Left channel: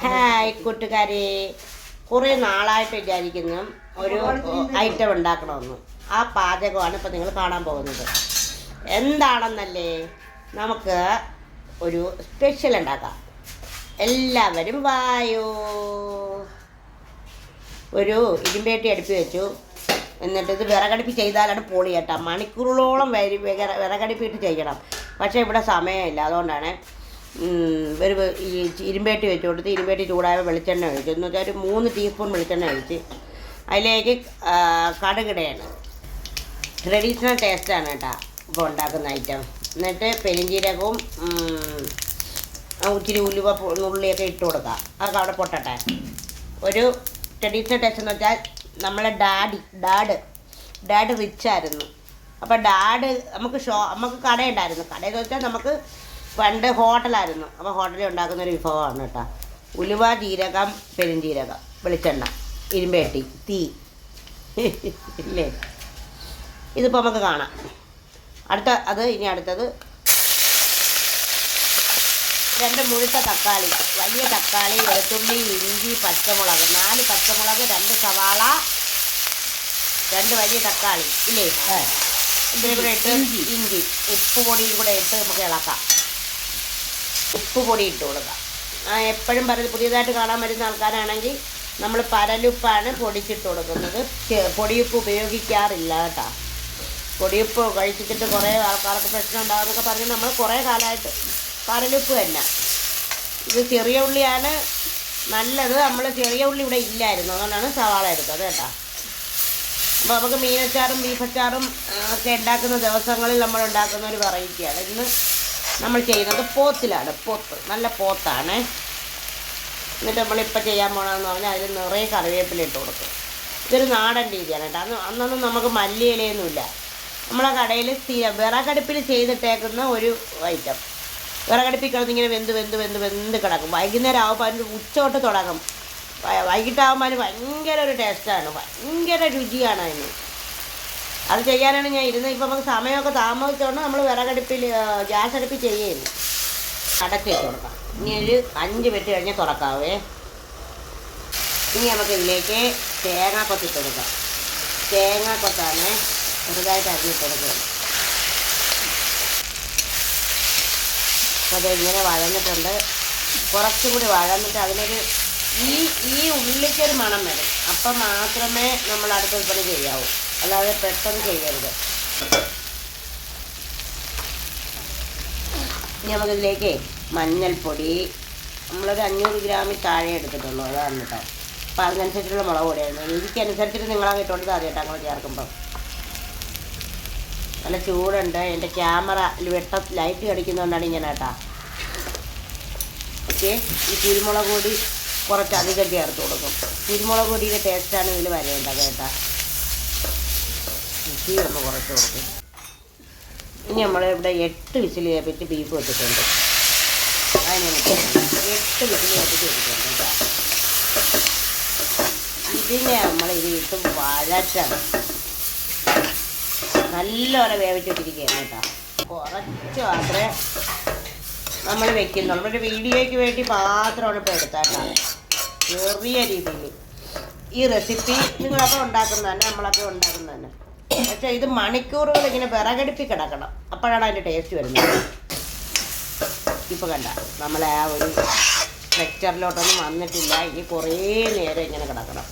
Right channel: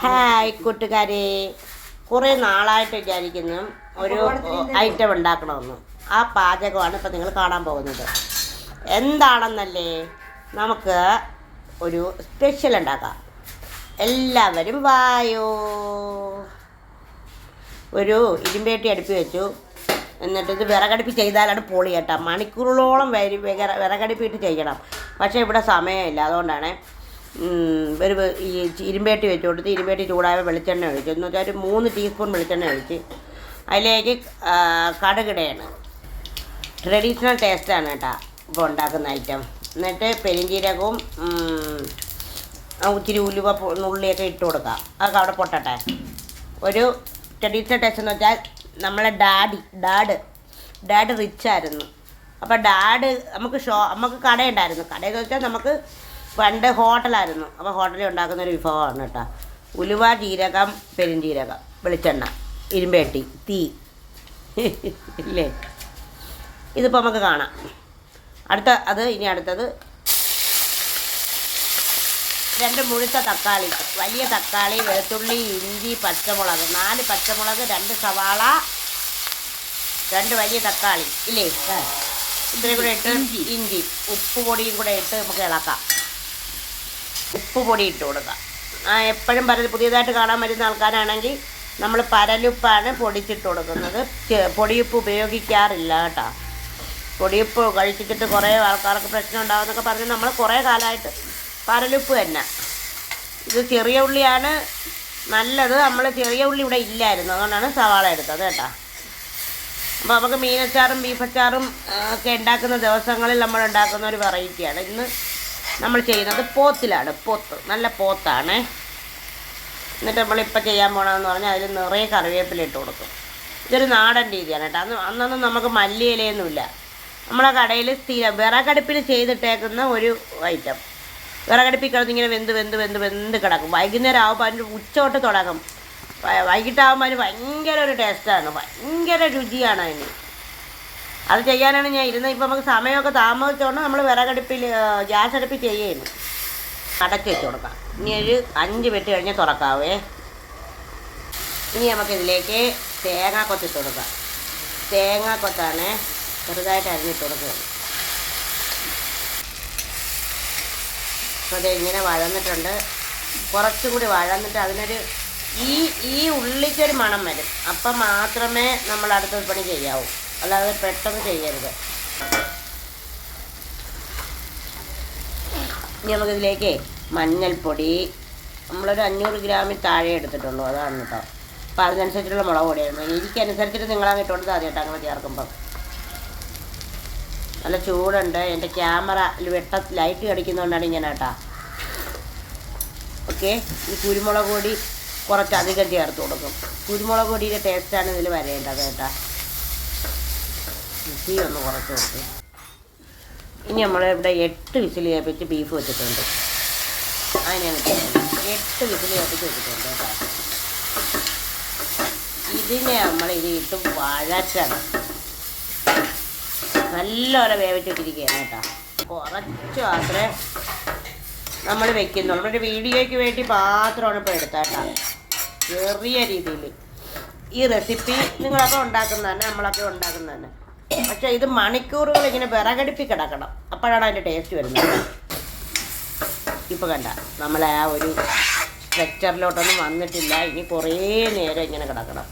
Hi കൂട്ടുകാരെ, കുറേ നാളായിട്ട് വിചാരിക്കുന്നു ഒരു ഐറ്റം ഉണ്ടാക്കണമെന്ന്. ആ പാചകമാണ് ഇപ്പം നിങ്ങൾ കാണാൻ പോകുന്നത്. എന്താണെന്നല്ലേ, നമുക്ക് ഒരു സ്പെഷ്യൽ ഉണ്ടാക്കാം. എല്ലാവരും വായോ. ഒരു ഇരുമ്പേട്ടി അടുപ്പി വെച്ചു. എന്നിട്ട് ഇത് വിറകടുപ്പി ചെയ്താലാണ് പൊളി കേട്ടോ. മണിക്കൂറുകളോളം വിറകടുപ്പിട്ട് ചെയ്യണം. പക്ഷേ ഇവിടെ സമയമില്ല, അതുകൊണ്ടാണ് ഒരു ഇരുമ്പേട്ടി വെച്ച് കൊടുത്ത് ഇരുമ്പേട്ടി ചൂടായ വെളിച്ചെണ്ണ ഒഴിച്ചു. എന്ന് വെച്ചാൽ ഒരു 3 ടീസ്പൂൺ വെളിച്ചെണ്ണ ഒഴിച്ച് അതിലേക്ക് കടുകിടയാണ്. ട്രഡീഷണൽ ടേസ്റ്റാണ് കേട്ടോ ഇപ്പോൾ ഉണ്ടാക്കുന്ന ഐറ്റം. എന്നിട്ട് പെരിഞ്ചീരകവും ഇച്ചിരി ഉലുവ നുള്ളിയൊക്കെ ഇട്ട് കൊടുക്കാം. അതൊക്കെ അവിടെ പൊട്ടട്ടെ. ഒരു ട്രഡീഷണൽ ടേസ്റ്റ് എന്ന് വെച്ചാൽ നമ്മളെ ഡാഡ് റിച്ചായിരുന്നു. അപ്പോൾ ഡാഡ് നമുക്ക് കടയുണ്ടായിരുന്നു. കടയെന്ന് വെച്ചാൽ നമുക്ക് പണ്ട് ഹോട്ടലായിരുന്നു. അപ്പോൾ ഹോട്ടലിൽ ഉണ്ടാക്കുന്ന ഒരു വിഭവമാണ് കേട്ടോ. ഉലുവ, ജീരകം, പെരുംജീരകം, വെളിച്ചെണ്ണ, ഇരുമ്പേട്ടി, തീ ഇല്ലേ. ഇതിപ്പോൾ നമുക്ക് കാണാം. ഇനി അടുത്തത് 2 മുഴുത്ത തക്കാളി, വലിയ തക്കാളി, വെളുത്തുള്ളി, ഇഞ്ചി, പച്ചമുളക്, 4 പച്ചമുളക്, 2 സവാള, 2 വലിയ തക്കാളി ഇല്ലേ. ഇതിലും കൂടെ ഇട്ട് ഇഞ്ചി, ഉപ്പ് പൊടിയും കൂടെ ഇട്ട് നമുക്ക് ഇളക്കാം. ഉപ്പ് പൊടി ഇട്ട് കൊടുക്കാം. എപ്പോഴും പുതിയതായിട്ട് കാണാൻ വരുന്ന ആൾക്കാരാണെങ്കിൽ നമ്മൾ പരലുപ്പാണ് പൊടിച്ചിട്ട് കൊടുക്കുന്നത്. പൊടിയുപ്പ് ഉപയോഗിക്കാറില്ല കേട്ടോ. പൊടിയുപ്പ് കഴിച്ചിട്ട് കുറേ ആൾക്കാർക്ക് പ്രശ്നം ഉണ്ടാകുമെന്നൊക്കെ പറഞ്ഞ് നമ്മൾ കുറേ കാലമായിട്ട് പരലുപ്പ് തന്നെ. ഇത് ചെറിയ ഉള്ളിയാണ് നല്ലത്. നമ്മൾ ചെറിയ ഉള്ളി ഇവിടെ ഇല്ലായിരുന്നു, അതുകൊണ്ടാണ് സവാള എടുത്തത് കേട്ടോ. അപ്പോൾ നമുക്ക് മീനച്ചാറും ബീഫച്ചാറും ഒക്കെ ഉണ്ടാക്കുന്ന ദിവസങ്ങളിൽ നമ്മൾ ഉണ്ടാക്കുന്ന ഒരു വെറൈറ്റിയാണ്. ഇന്ന് നമ്മൾ ചെയ്യുന്നത് പോത്തിലാണ്. നല്ല പോത്താണ്. എന്നിട്ട് നമ്മളിപ്പോൾ ചെയ്യാൻ പോകണമെന്ന് പറഞ്ഞാൽ അതിൽ നിറയെ കറിവേപ്പില ഇട്ട് കൊടുക്കും. ഇതൊരു നാടൻ രീതിയാണ് കേട്ടോ. അന്നൊന്നും നമുക്ക് മല്ലിയിലയൊന്നുമില്ല. നമ്മളെ കടയിൽ സ്ഥിരം വിറകടുപ്പിൽ ചെയ്തിട്ടേക്കുന്ന ഒരു ഐറ്റം. വിറകടുപ്പിൽ കിടന്നിങ്ങനെ വെന്ത് കിടക്കും. വൈകുന്നേരം ആകുമ്പോൾ അതിൻ്റെ ഉച്ചോട്ട് തുടങ്ങും. വൈകിട്ടാകുമ്പോൾ അതിന് ഭയങ്കര ഒരു ടേസ്റ്റാണ്, ഭയങ്കര രുചിയാണ് അതിന്. അത് ചെയ്യാനാണ് ഞാൻ ഇരുന്നത്. ഇപ്പം നമുക്ക് സമയമൊക്കെ താമസിച്ചുകൊണ്ട് നമ്മൾ ഗ്യാസ് അടുപ്പിൽ ചെയ്യുന്നു. അടച്ച് വെച്ച് കൊടുക്കാം. ഇനി ഒരു 5 മിനിറ്റ് കഴിഞ്ഞ് തുറക്കാവേ. ഇനി നമുക്ക് ഇതിലേക്ക് തേങ്ങാക്കൊത്തിട്ട് കൊടുക്കാം. തേങ്ങാക്കൊത്താണ് ചെറുതായിട്ട് അരിഞ്ഞിട്ട് കൊടുക്കുന്നത്. അപ്പോൾ അത് ഇങ്ങനെ വഴന്നിട്ടുണ്ട്. കുറച്ചും കൂടി വഴന്നിട്ട് അതിനൊരു ഈ ഉള്ളിക്കൊരു മണം വരും. അപ്പം മാത്രമേ നമ്മൾ അടുത്ത വിൽപ്പന ചെയ്യാവൂ, അല്ലാതെ പെട്ടെന്ന് ചെയ്യരുത്. ഇനി നമുക്കിതിലേക്ക് മഞ്ഞൾപ്പൊടി നമ്മളൊരു 500 ഗ്രാമിൽ താഴെ എടുത്തിട്ടുള്ളൂ, അതാണ് കേട്ടോ. അപ്പോൾ അതിനനുസരിച്ചുള്ള മുളക് പൊടിയായിരുന്നു. എനിക്കനുസരിച്ചിട്ട് നിങ്ങളാണ് ഇട്ടുകൊണ്ട് അറിയട്ടോ അങ്ങനെ ചേർക്കുമ്പം. നല്ല ചൂടുണ്ട്. എൻ്റെ ക്യാമറയിൽ ലൈറ്റ് കടിക്കുന്നതുകൊണ്ടാണ് ഇങ്ങനെ കേട്ടോ. ഓക്കെ. ഈ കുരുമുളക് പൊടി കുറച്ചധികം ചേർത്ത് കൊടുക്കും. കുരുമുളക് പൊടിയുടെ ടേസ്റ്റാണ് ഇതിൽ വരേണ്ടത് കേട്ടോ. തീ ഒന്ന് കുറച്ച് കൊടുക്കും. ഇനി നമ്മളിവിടെ 8 വിസിൽ കേൾപ്പിച്ച് ബീഫ് വെച്ചിട്ടുണ്ട്. അതിന് 8 വിസിൽ കേൾപ്പിച്ച് വെച്ചിട്ടുണ്ട് കേട്ടോ. ഇതിനെ നമ്മൾ ഇട്ട് വഴറ്റണം. നല്ലപോലെ വേവിച്ചിട്ടിരിക്കുകയാണ് കേട്ടോ. കുറച്ച് മാത്രമേ നമ്മൾ വെക്കുന്നുള്ളൂ. ഒരു വീഡിയോയ്ക്ക് വേണ്ടി മാത്രമാണ് ഇപ്പോൾ എടുത്താൽ കേട്ടോ. ചെറിയ രീതിയിൽ ഈ റെസിപ്പി നിങ്ങളൊക്കെ ഉണ്ടാക്കുന്നതന്നെ, നമ്മളൊക്കെ ഉണ്ടാക്കുന്നതന്നെ. പക്ഷേ ഇത് മണിക്കൂറുകൾ ഇങ്ങനെ വിറകടുപ്പി കിടക്കണം, അപ്പോഴാണ് അതിൻ്റെ ടേസ്റ്റ് വരുന്നത്. ഇപ്പോൾ കണ്ട നമ്മളെ ആ ഒരു സ്ട്രക്ചറിലോട്ടൊന്നും വന്നിട്ടില്ല. ഇനി കുറേ നേരം ഇങ്ങനെ കിടക്കണം,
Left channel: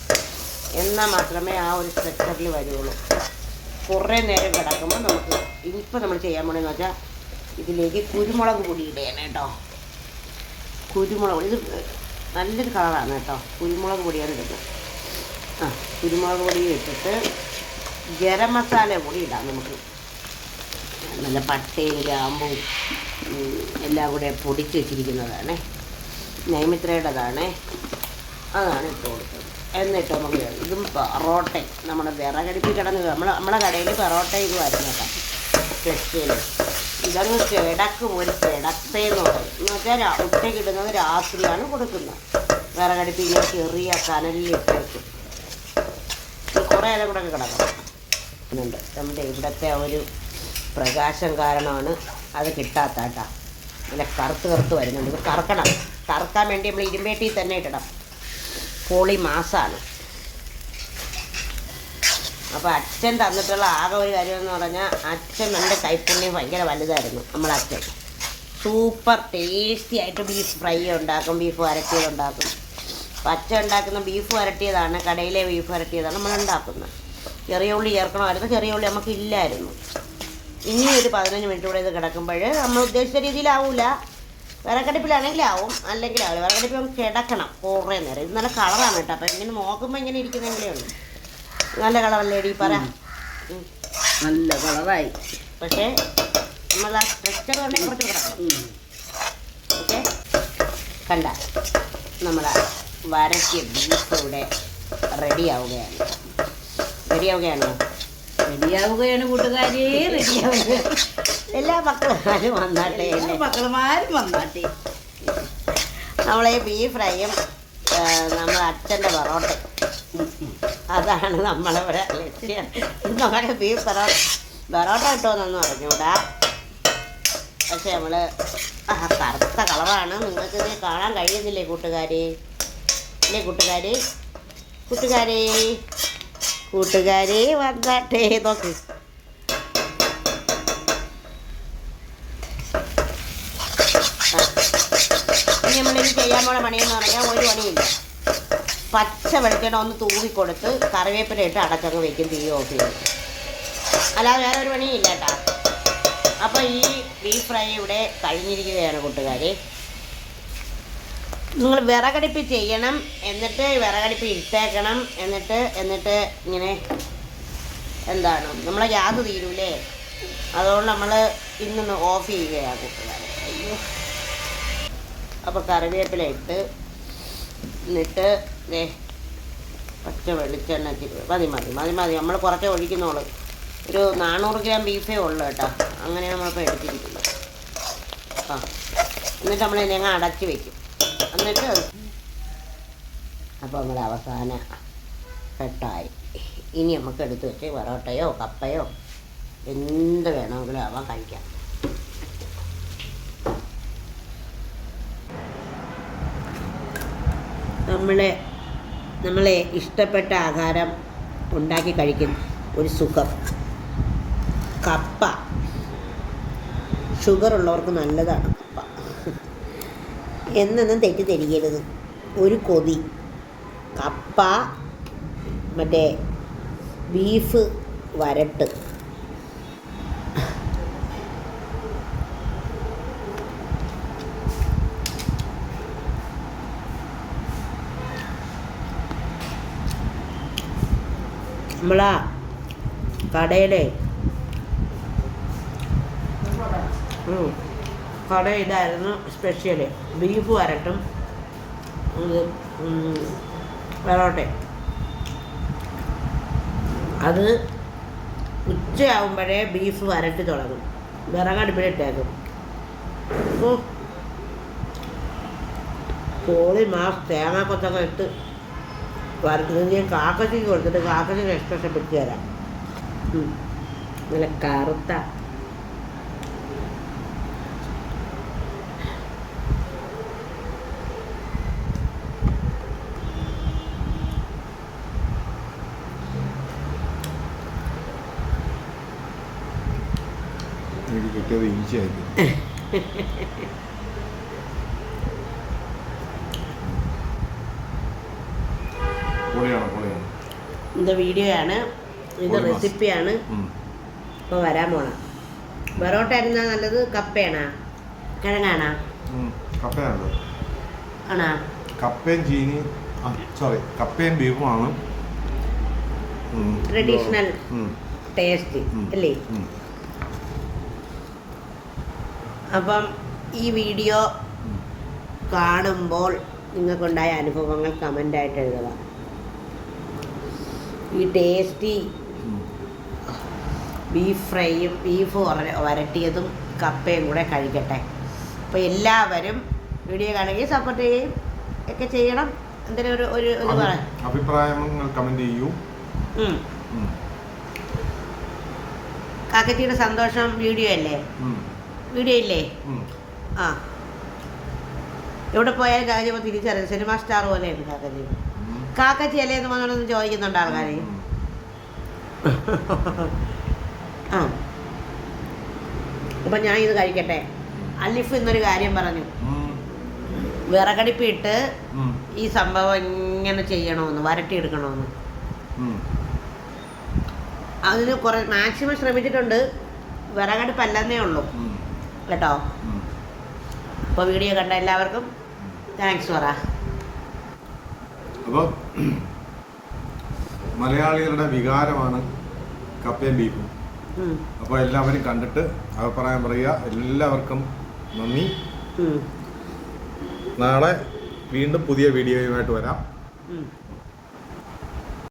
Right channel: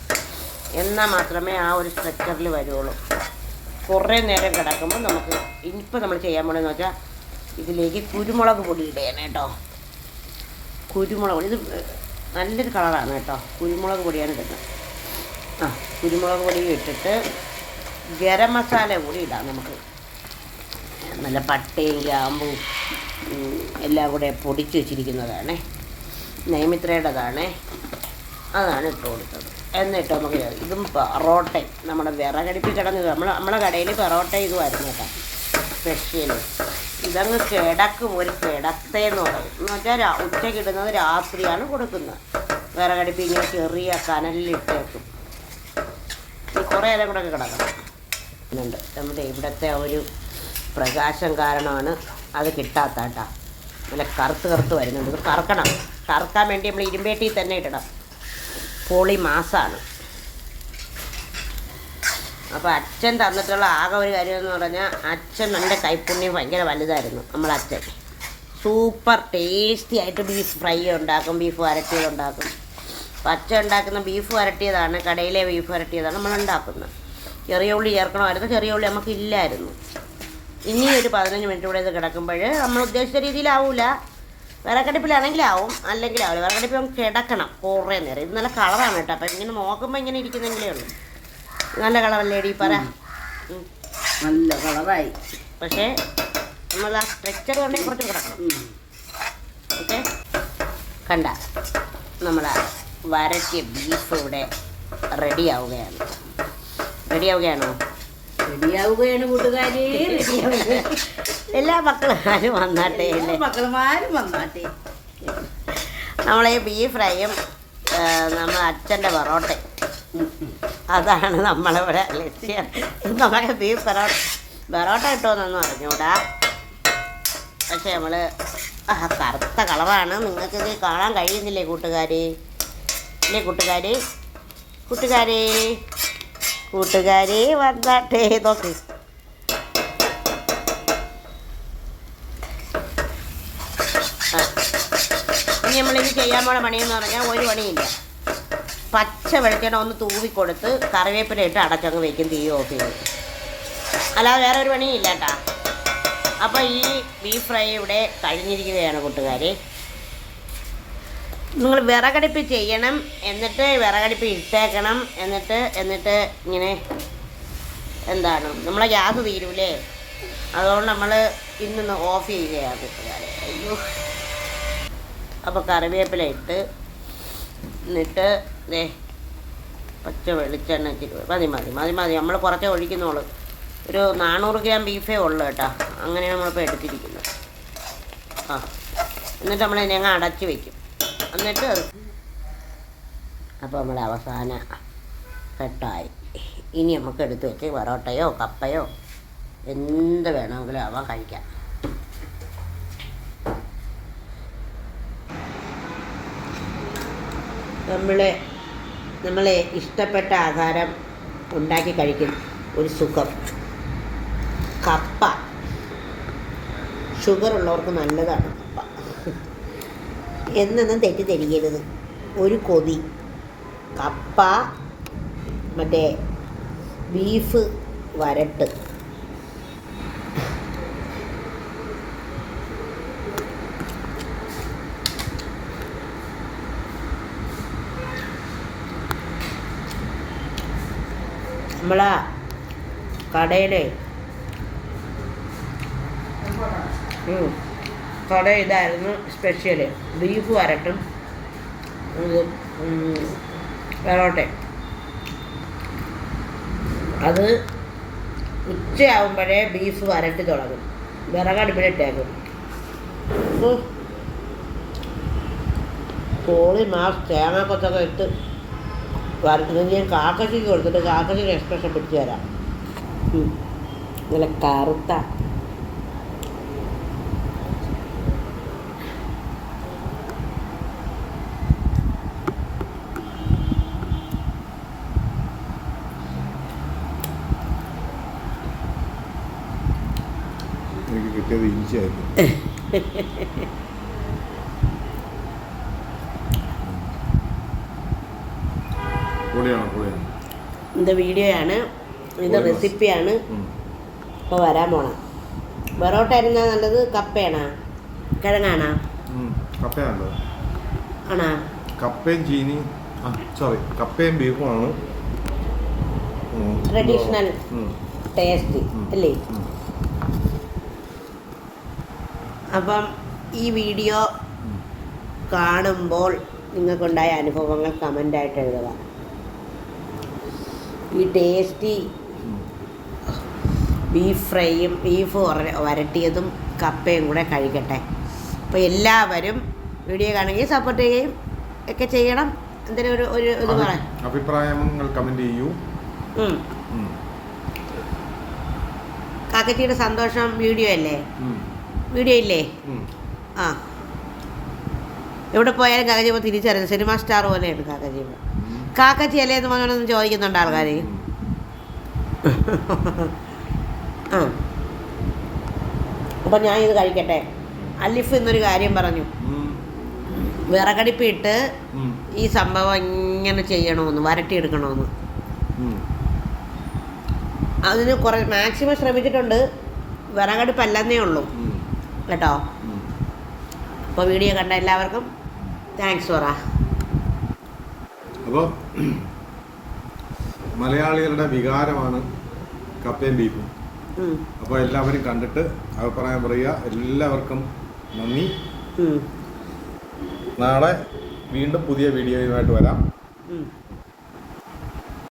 എന്നാൽ മാത്രമേ ആ ഒരു സ്ട്രക്ചറിൽ വരുള്ളൂ. കുറേ നേരം കിടക്കുമ്പോൾ നമുക്ക് ഇപ്പോൾ നമ്മൾ ചെയ്യാൻ പോകണമെന്ന് വെച്ചാൽ ഇതിലേക്ക് കുരുമുളക് പൊടി ഇടുകയാണ് കേട്ടോ. കുരുമുളക് പൊടി ഇത് നല്ലൊരു കളറാണ് കേട്ടോ. കുരുമുളക് പൊടിയാണ് ഇടുന്നത്. കുരുമുളക് പൊടി ഇട്ടിട്ട് ഗരം മസാല കൂടി ഇടാം നമുക്ക്. നല്ല പട്ടയും ഗ്രാമ്പും എല്ലാം കൂടെ പൊടിച്ച് വെച്ചിരിക്കുന്നതാണ്. നൈമിത്രയുടേതാണ്. അതാണ് ഇട്ട് കൊടുത്തത്. എന്നിട്ട് നമുക്ക് ഇതും പൊറോട്ട നമ്മുടെ വിറകടുപ്പിൽ കിടന്നത് നമ്മളെ കടയിൽ പൊറോട്ട ഇതുമായിരുന്നു കേട്ടോ. സ്പെഷ്യൽ ഇതങ്ങ് കിടക്കും. ഒരു കിടത്തേന്ന് പറയും. എന്ന് വെച്ചാൽ ഉച്ചയ്ക്ക് ഇടുന്നത് രാത്രിയാണ് കൊടുക്കുന്നത്. വിറകടുപ്പിൽ ഇങ്ങനെ ചെറിയ കനലിലിട്ട് വെക്കും. കുറേ നേരം കൂടെ കിടക്കണം എന്നുണ്ട്. നമ്മുടെ ഇവിടുത്തെ ഒരു പ്രകാശം കാരണമാണ് അത് കിട്ടാത്ത കേട്ടോ. നല്ല കറുത്ത് വരുന്നുണ്ട്. ഇത് കറക്കണം. കറുക്കാൻ വേണ്ടി നമ്മൾ ഇരുമ്പേട്ടിൽ തന്നെ ഇടണം. പൊളി മാസാണ്. അപ്പോൾ അച്ഛൻ തന്നിട്ടുള്ള ആകെ ഒരു കാര്യം എന്ന് പറഞ്ഞാൽ അച്ഛൻ നമ്മുടെ കൈപ്പുണ്യം ഭയങ്കര വലുതായിരുന്നു. നമ്മളച്ഛൻ സൂപ്പർ ടേസ്റ്റി ആയിട്ട് ബീഫ് ഫ്രൈ ഉണ്ടാക്കും, ബീഫ് വരട്ടിയതുണ്ടാക്കും. അപ്പം അച്ഛൻ ഉണ്ടാക്കുന്ന ബീഫ് വരട്ടിയതാണ്, കടയിലെ ബീഫ് വരട്ടിയതാണ് നമ്മൾ ഉണ്ടാക്കുന്നത്. ചെറിയ ഉള്ളി ചേർക്കണമായിരുന്നു, ചെറിയ ഉള്ളി നമുക്ക് ഇല്ലായിരുന്നു. ഇനി ഒരു 15 മിനിറ്റ് കൂടെ ഇത് കിടക്കുമ്പോൾ നമ്മൾ ഉദ്ദേശിച്ച രീതിയിലാവില്ല. വിറകടുപ്പിലാണെങ്കിലാവും, അല്ലെങ്കിൽ ആവും. വിറകടുപ്പിൽ നമുക്ക് കിടക്കണം കുറേ നേരം. ഇത് നല്ല കളറാണ് കേട്ടോ. അപ്പം ഇങ്ങനെ നോക്കുമ്പോൾ ഇങ്ങനെ ഇരിക്കുന്നെങ്കിലേ ഉള്ളൂ. നല്ല കളറല്ലേടി പറ? നല്ല കളറായി. പക്ഷേ നമ്മൾ ആ സ്ട്രെച്ചർ കൊണ്ട് കുറച്ച് കിടക്കണം. ഓക്കെ, കണ്ട നമ്മൾ വരട്ടിയ ബീഫ് ഇവിടെ റെഡിയാവുകയാണ്. റെഡിയാവുകയാണോ? റെഡിയാവുകയാണ് കൂട്ടുകാരി, റെഡിയാവുക. എല്ലാ മക്കളും വന്നാട്ടെ, മക്കളുമാരും വന്നാട്ടെ. നമ്മളീ ബീഫ് ഫ്രൈയും നമ്മൾ അച്ഛൻ്റെ പൊറോട്ട, അതാണ് നമ്മളിവിടെ ലക്ഷ്യം. നമ്മളെ ബീഫ് പൊറോട്ട കിട്ടുമെന്നൊന്നും അറിഞ്ഞൂടാ. പക്ഷെ നമ്മൾ കറുത്ത കളറാണ്. നിങ്ങൾക്കിത് കാണാൻ കഴിയുന്നില്ലേ കൂട്ടുകാരി? ഇല്ലേ കൂട്ടുകാരി? കൂട്ടുകാരി കൂട്ടുകാരി വന്നാട്ടെ. നോക്ക്, ഇനി നമ്മളിത് ചെയ്യാൻ പോണ പണിയെന്ന് പറഞ്ഞാൽ ഒരു പണിയില്ല. പച്ച വെളിച്ചെണ്ണ ഒന്ന് തൂവിക്കൊടുത്ത് കറിവേപ്പില ഇട്ട് അടച്ചങ്ങ് വയ്ക്കും, തീ ഓഫ് ചെയ്യും. അല്ലാതെ വേറെ ഒരു പണിയില്ല കേട്ടോ. അപ്പോൾ ഈ ബീഫ് ഫ്രൈ ഇവിടെ കഴിഞ്ഞിരിക്കുകയാണ് കൂട്ടുകാർ. നിങ്ങൾ വിറകടുപ്പ് ചെയ്യണം, എന്നിട്ട് വിറകടുപ്പ് ഇട്ടേക്കണം. എന്നിട്ട് ഇങ്ങനെ എന്താണ് നമ്മളെ ഗ്യാസ് തീരൂലേ, അതുകൊണ്ട് നമ്മൾ ഇന്നൊന്ന് ഓഫ് ചെയ്യുകയാണ് കൂട്ടുകാരെ. അയ്യോ. അപ്പോൾ കറിവേപ്പില ഇട്ട് എന്നിട്ട് പച്ച വെളിച്ചെണ്ണ മതി മതി മതി മതി നമ്മൾ കുറച്ചേ ഒഴിക്കുന്നുള്ളൂ. ഒരു 400 ഗ്രാം ബീഫേ ഉള്ളൂ കേട്ടോ. അങ്ങനെയാണ് നമ്മളിപ്പോൾ എടുത്തിരിക്കുന്നത്. എന്നിട്ട് നമ്മൾ ഞങ്ങൾ അടച്ച് വയ്ക്കും. എന്നിട്ട് അപ്പോൾ നമ്മൾ അവസാന സെറ്റായി. ഇനി നമുക്ക് എടുത്ത് വെച്ച് പൊറോട്ടയോ കപ്പയോ എന്ത് വേണമെങ്കിലും അവ കഴിക്കാം. നമ്മളെ ഇഷ്ടപ്പെട്ട ആഹാരം ഉണ്ടാക്കി കഴിക്കുന്ന ഒരു സുഖം. കപ്പ ഷുഗറുള്ളവർക്ക് നല്ലതാണ് കപ്പ. എന്നൊന്നും തെറ്റിദ്ധരിക്കരുത്. ഒരു കൊതി കപ്പ, മറ്റേ ബീഫ് വരട്ട്. നമ്മളാ കടയിലെ കട ഇതായിരുന്നു സ്പെഷ്യല്. ബീഫ് വരട്ടും ഇത് പൊറോട്ടയും. അത് ഉച്ചയാകുമ്പോഴേ ബീഫ് വരട്ടി തുടങ്ങും, വിറകടുപ്പിലിട്ടേക്കും. കോളി മാസ് തേങ്ങാക്കൊത്തൊക്കെ ഇട്ട് വരട്ടുന്നത് ഞാൻ കാക്കയ്ക്ക് കൊടുത്തിട്ട് കാക്കയ്ക്ക് എക്സ്പ്രഷൻ പിടിച്ചു തരാം. നല്ല കറുത്ത ഇത് വീഡിയോയാണ്, ഇത് റെസിപ്പിയാണ്. ഇപ്പോൾ വരാൻ പോണ പൊറോട്ട ആയിരുന്നാ നല്ലത്, കപ്പയാണോ കിഴങ്ങാണോ? ആണോ? കപ്പയും ചീനി, സോറി കപ്പയും ബീഫുമാണ് ട്രഡീഷണൽ ടേസ്റ്റ് അല്ലേ? അപ്പം ഈ വീഡിയോ കാണുമ്പോൾ നിങ്ങൾക്കുണ്ടായ അനുഭവങ്ങൾ കമൻ്റായിട്ട് എഴുതുക. ഈ ടേസ്റ്റി ബീഫ് ഫ്രൈയും ബീഫ് വരട്ടിയതും കപ്പയും കൂടെ കഴിക്കട്ടെ. അപ്പോൾ എല്ലാവരും വീഡിയോ കാണുകയും സപ്പോർട്ട് ചെയ്യുകയും ഒക്കെ ചെയ്യണം. എന്തിനും ഒരു അഭിപ്രായങ്ങൾ കമൻറ്റ് ചെയ്യൂ. കാക്കച്ചിയുടെ സന്തോഷം വീഡിയോ അല്ലേ? വീഡിയോ ഇല്ലേ? ആ എവിടെ പോയാലും കാക്കച്ചിയമ്മ തിരിച്ചറിയും. സിനിമ സ്റ്റാർ പോലെയാണ് കാക്കച്ചിയമ്മ. കാക്കച്ചിയല്ലേന്ന് പറഞ്ഞൊന്നും ചോദിക്കുന്നുണ്ട് ആൾക്കാർ. അപ്പം ഞാൻ ഇത് കഴിക്കട്ടെ. അലിഫ് എന്നൊരു കാര്യം പറഞ്ഞു, വിറകടുപ്പിട്ട് ഈ സംഭവം ഇങ്ങനെ ചെയ്യണമെന്ന്, വരട്ടിയെടുക്കണമെന്ന്. അതിന് കുറേ മാക്സിമം ശ്രമിച്ചിട്ടുണ്ട്. വിറകടുപ്പല്ലെന്നേ ഉള്ളൂ കേട്ടോ. അപ്പോൾ വീഡിയോ കണ്ട എല്ലാവർക്കും താങ്ക്സ് പറ. അപ്പോൾ മലയാളികളുടെ വികാരമാണ് കപ്പയും ബീഫും. അപ്പോൾ എല്ലാവരും കണ്ടിട്ട് അഭിപ്രായം പറയുക. എല്ലാവർക്കും നന്ദി. നാളെ വീണ്ടും പുതിയ വീഡിയോയുമായിട്ട് വരാം.